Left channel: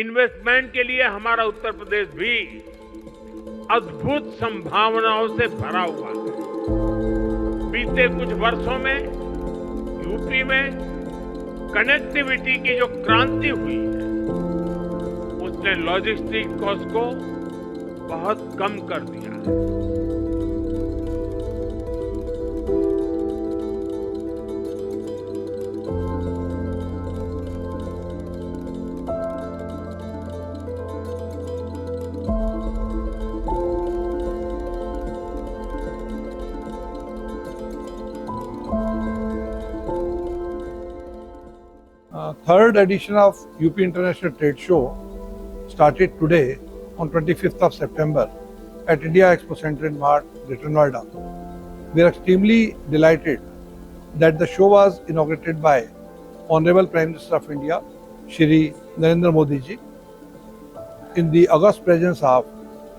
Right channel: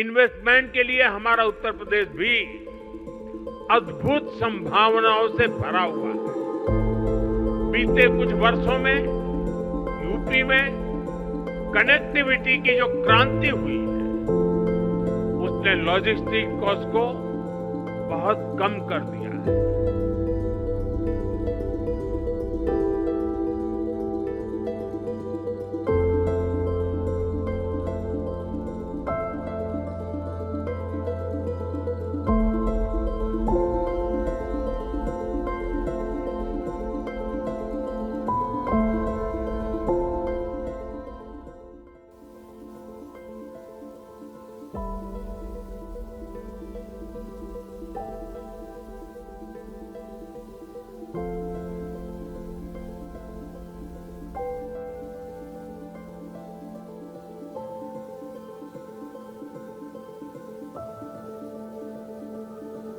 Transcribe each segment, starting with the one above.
इन्वेस्टमेंट के लिए हमारा उत्तर प्रदेश भी अद्भुत संभावनाओं से भरा हुआ है। बीते कुछ वर्षों में यूपी में कनेक्टिविटी की जो क्रांति हुई है, उसने लॉजिस्टिक कॉस्ट को बहुत कम कर दिया है। Third edition of UP International Trade Show started today on 25th of September at India Expo Center in Mart, Greater Noida. We are extremely delighted that the show was inaugurated by Honorable Prime Minister of India, Shri Narendra Modi ji, in the august presence of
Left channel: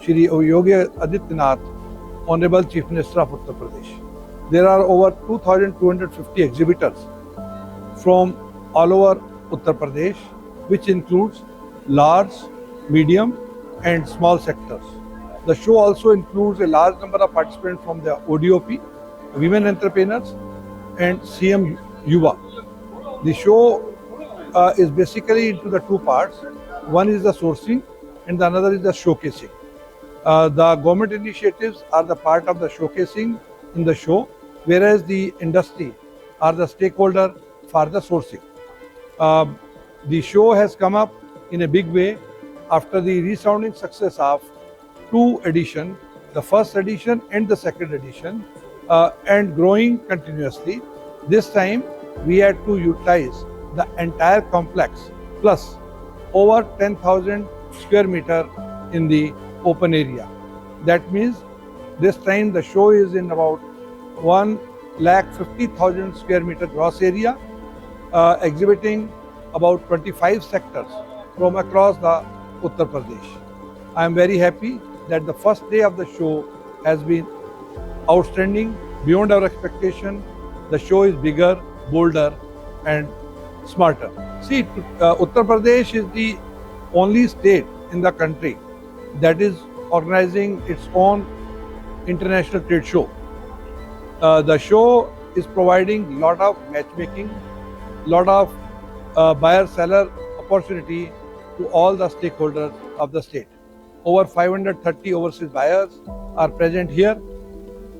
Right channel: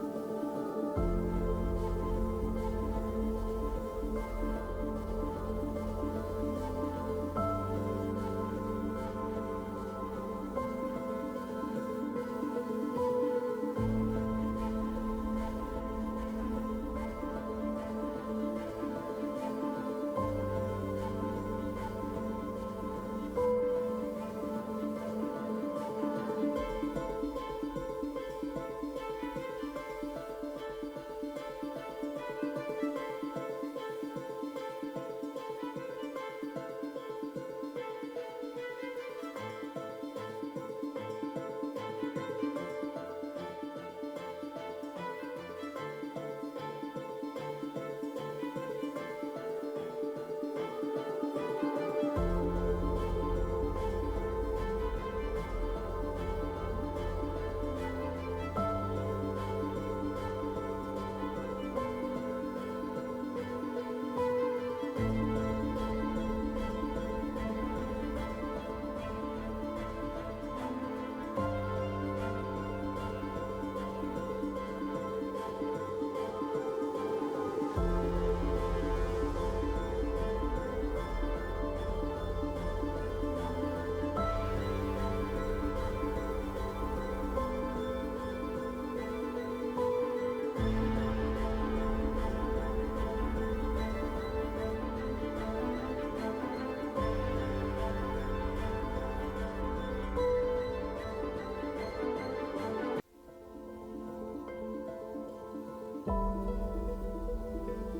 Shri Yogi Adityanath, Honorable Chief Minister of Uttar Pradesh. There are over 2,250 exhibitors from all over Uttar Pradesh, which includes large, medium and small sectors. The show also includes a large number of participants from the ODOP, women entrepreneurs and CM Yuva. The show is basically into the two parts. One is the sourcing and the another is the showcasing. The government initiatives are the part of the showcasing in the show, whereas the industry are the stakeholder for the sourcing. The show has come up in a big way after the resounding success of two editions, the first edition and the second edition, and growing continuously. This time we had to utilize the entire complex plus over 10,000 square meter in the open area. That means this time the show is in about 1,50,000 square meter gross area, exhibiting about 25 sectors from across the Uttar Pradesh. I am very happy that the first day of the show has been outstanding, beyond our expectation. The show is bigger, bolder and smarter. See, Uttar Pradesh is the only state in the country that is organizing its own international trade show. The show is providing lot of matchmaking, lot of buyer-seller opportunity to all the stakeholders of the state. Over 530 overseas buyers are present here.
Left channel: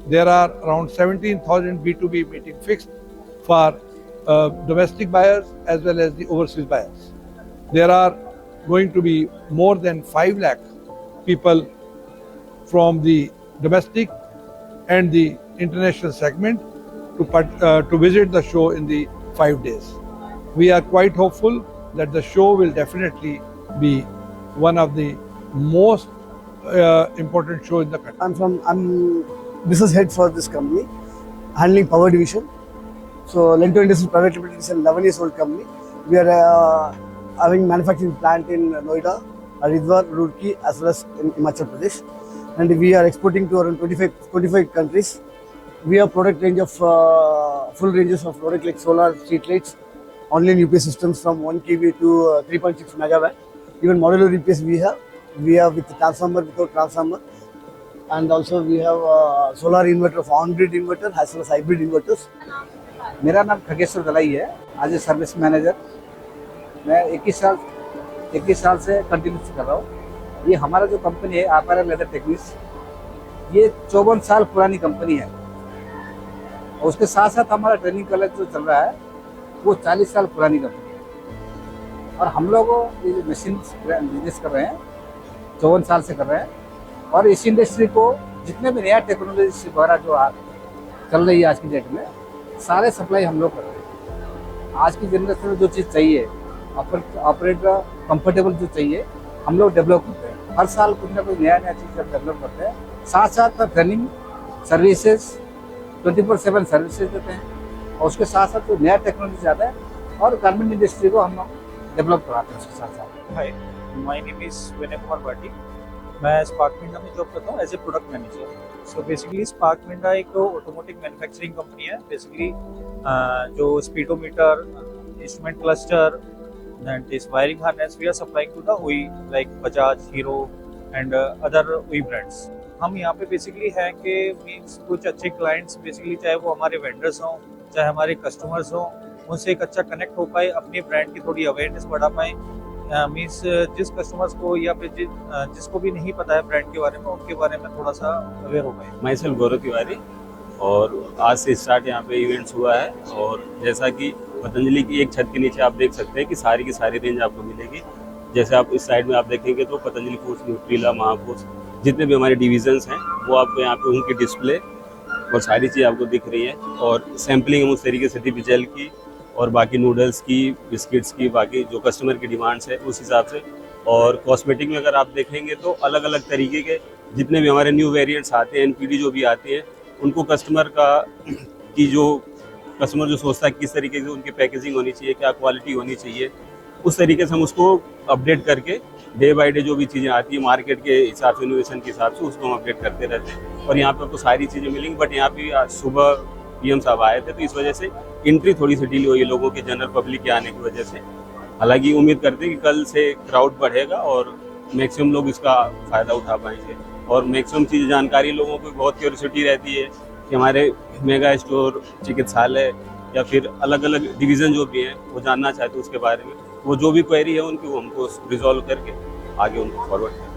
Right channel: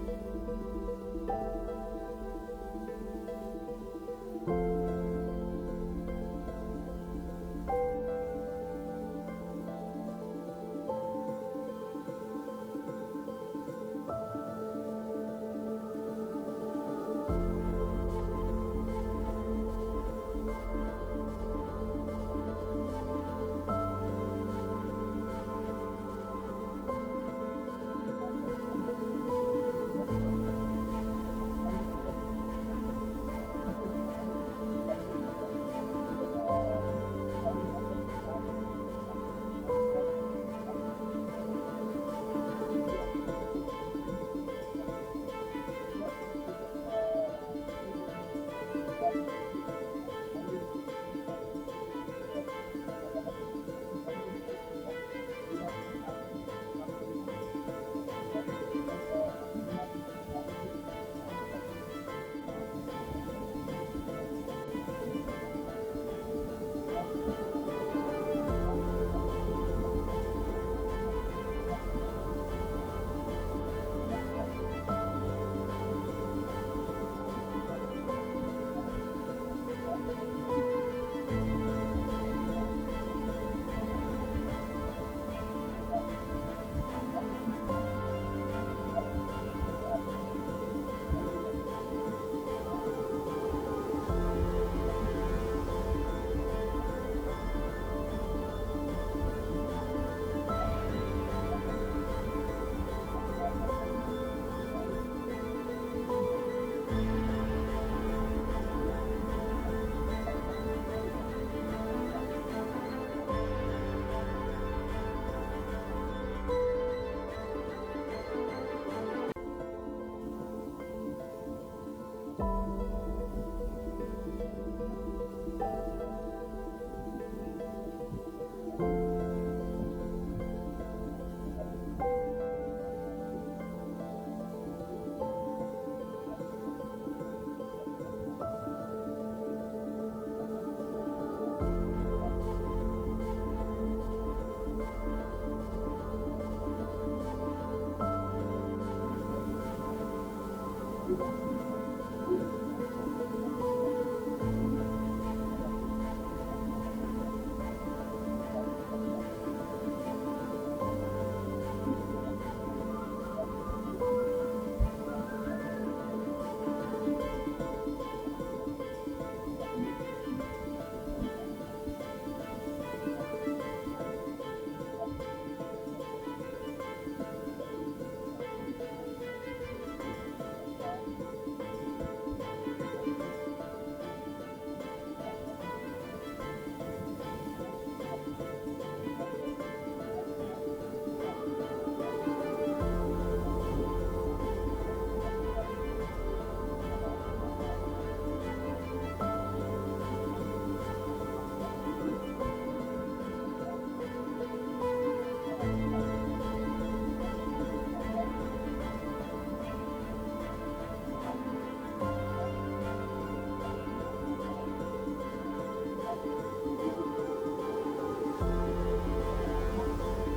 There are around 17,000 B2B meetings fixed for domestic buyers as well as the overseas buyers. There are going to be more than 5 lakh people from the domestic and the international segment to visit the show in the 5 days. We are quite hopeful that the show will definitely be one of the most important shows in the country. I'm business head for this company, handling power division. So Lento Industries Private Limited is an 11 years old company. We are having manufacturing plant in Noida, Haridwar, Roorkee as well as in Himachal Pradesh. And we are exporting to around 25 countries. We have product range of full ranges of product like solar, street lights, online UPS systems from 1 kV to 3.6 megawatt. Even modular UPS we have with transformer, without transformer, and also we have solar inverter of on-grid inverter as well as hybrid inverters. मेरा नाम खगेश्वर दलाई है, आज a service manager. मैं 21 साल से कंटिन्यू कर रहा हूँ। ये हमारा जो कंपनी है अपैरल लेदर टेक्निक्स, ये 54 साल पुरानी कंपनी है। और उसके साथ साथ हमारा ट्रेनिंग कॉलेज जो चल रहा है वो 40 साल पुरानी कंपनी है। और हम लोग मशीन बिजनेस कर रहे हैं, 54 साल से कर रहे हैं। और इस इंडस्ट्री को जितने भी नया टेक्नोलॉजी द्वारा जो चल रही है आज की डेट में, सारे सप्लाई हम लोग कर रहे हैं। आज की जनरेशन में जो चीज़ चाहिए, ऑपरेटर कंफर्टेबल जो चाहिए, हम लोग डेवलप करते हैं। हर साल कुछ ना कुछ नया चीज़ डेवलप करते हैं। साथ साथ ट्रेनिंग सर्विसेज 24/7 सर्विसेज देते हैं। और उसके साथ साथ जो नया टेक्नोलॉजी आता है और गारमेंट इंडस्ट्री को हम लोग डेवलप कराते हैं उसके साथ साथ। Hi, my name is Vinay Kumar Bhati. मैं स्पार्क मिंडा में जॉब करता हूँ as a product manager. So basically Spark Minda एक ऑटोमोटिव मैन्युफैक्चरिंग कंपनी है। बेसिकली जो speedometer, instrument cluster, and this wiring harness we are supplying to the OE like Bajaj, Hero and other OE brands. हम यहाँ पे बेसिकली है कि मीन्स कुछ अच्छे क्लाइंट्स बेसिकली चाहे वो हमारे वेंडर्स हों चाहे हमारे कस्टमर्स हों उनसे एक अच्छा कनेक्ट हो पाए, अपने ब्रांड की थोड़ी अवेयरनेस बढ़ा पाए। मीन्स जिस कस्टमर्स को या फिर जिसको भी नहीं पता है ब्रांड के बारे में उनके बारे में थोड़ा सा अवेयर हो पाए। माई सेल्फ गौरव तिवारी और आज से स्टार्ट यहाँ पे इवेंट्स हुआ है और जैसा कि पतंजलि की एक छत के नीचे आप देख सकते हैं कि सारी की सारी रेंज आपको मिलेगी। जैसे आप इस साइड में आप देखेंगे तो पतंजलि फूड्स, न्यूट्रीला, महाफूड्स जितने भी हमारे डिविजन्स हैं वो आपको यहाँ पे उनकी डिस्प्ले और सारी चीज़ आपको दिख रही है और सैम्पलिंग हम उस तरीके से टिपी जेल की और बाकी नूडल्स की, बिस्किट्स की, बाकी जो कस्टमर की डिमांड्स है उस हिसाब से। और कॉस्मेटिक में अगर आप देखेंगे तो अलग अलग तरीके के जितने भी हमारे न्यू वेरिएंट्स आते हैं, एनपीडी जो भी आती है उनको कस्टमर जो सोचता है किस तरीके से उनकी पैकेजिंग होनी चाहिए, क्या क्वालिटी होनी चाहिए, उस तरीके से हम उसको अपडेट करके डे बाय डे जो भी चीज़ें आती है मार्केट के हिसाब से, इनोवेशन के हिसाब से उसको हम अपडेट करते रहते हैं। और यहाँ पर आपको सारी चीज़ें मिलेंगी, बट यहाँ पे आज सुबह पीएम साहब आए थे तो इस वजह से एंट्री थोड़ी सी डिले हुई है लोगों की, जनरल पब्लिक के आने की वजह से। हालांकि उम्मीद करते हैं कि कल से क्राउड बढ़ेगा और मैक्सिमम लोग इसका फ़ायदा उठा पाएंगे और मैक्सिमम चीज़ जानकारी लोगों को बहुत क्यूरियोसिटी रहती है कि हमारे मेगा स्टोर, चिकित्सालय या फिर अलग अलग डिवीज़न जो भी हैं वो जानना चाहते हैं उसके बारे में। वो जो भी क्वेरी है उनको हमको रिजॉल्व करके आगे उनको फॉरवर्ड करें।